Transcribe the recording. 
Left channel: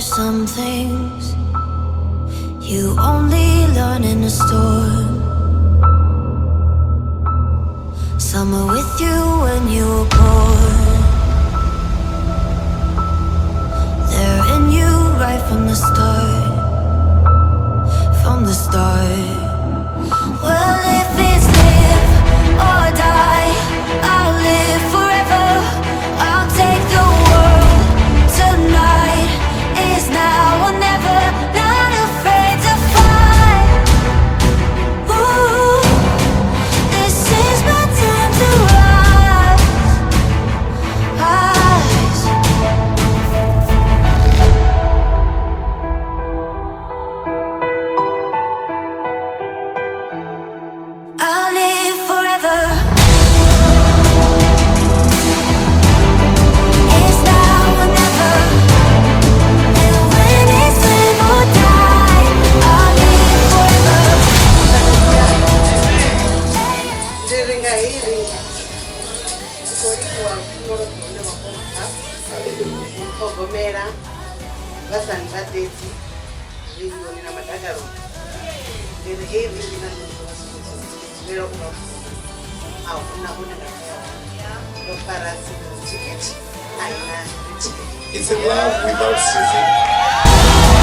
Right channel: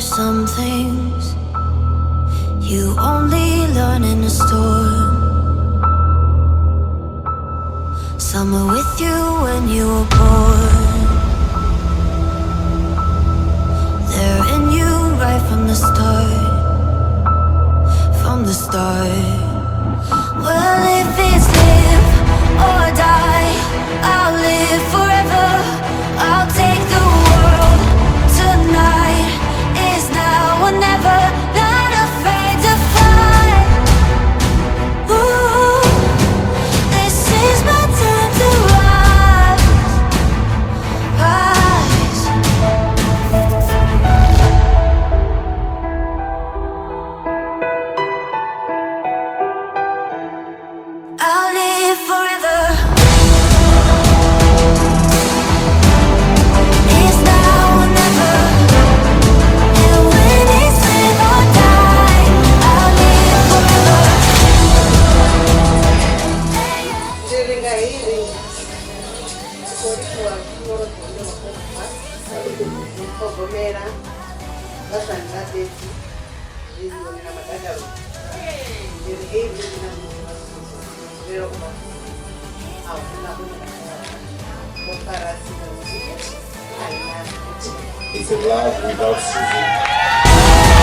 There's some things you only learn in a storm. Some are with you when you were born. They're in you right from the start. From the start. Well, if it's live or die, I'll live forever. I'll take the world. Tonight is now or never. Not afraid to fight. Ooh, this is my time to rise. Rise. I'll live forever. It's now or never. And when it's live or die, I'll live forever. Ndiringa hili kulikuwa kumoro kuno makopa kogomera basanga deti ndiyo nina matagaro ndiri hili nina pero uno au una no para ticket aina It's a love without season.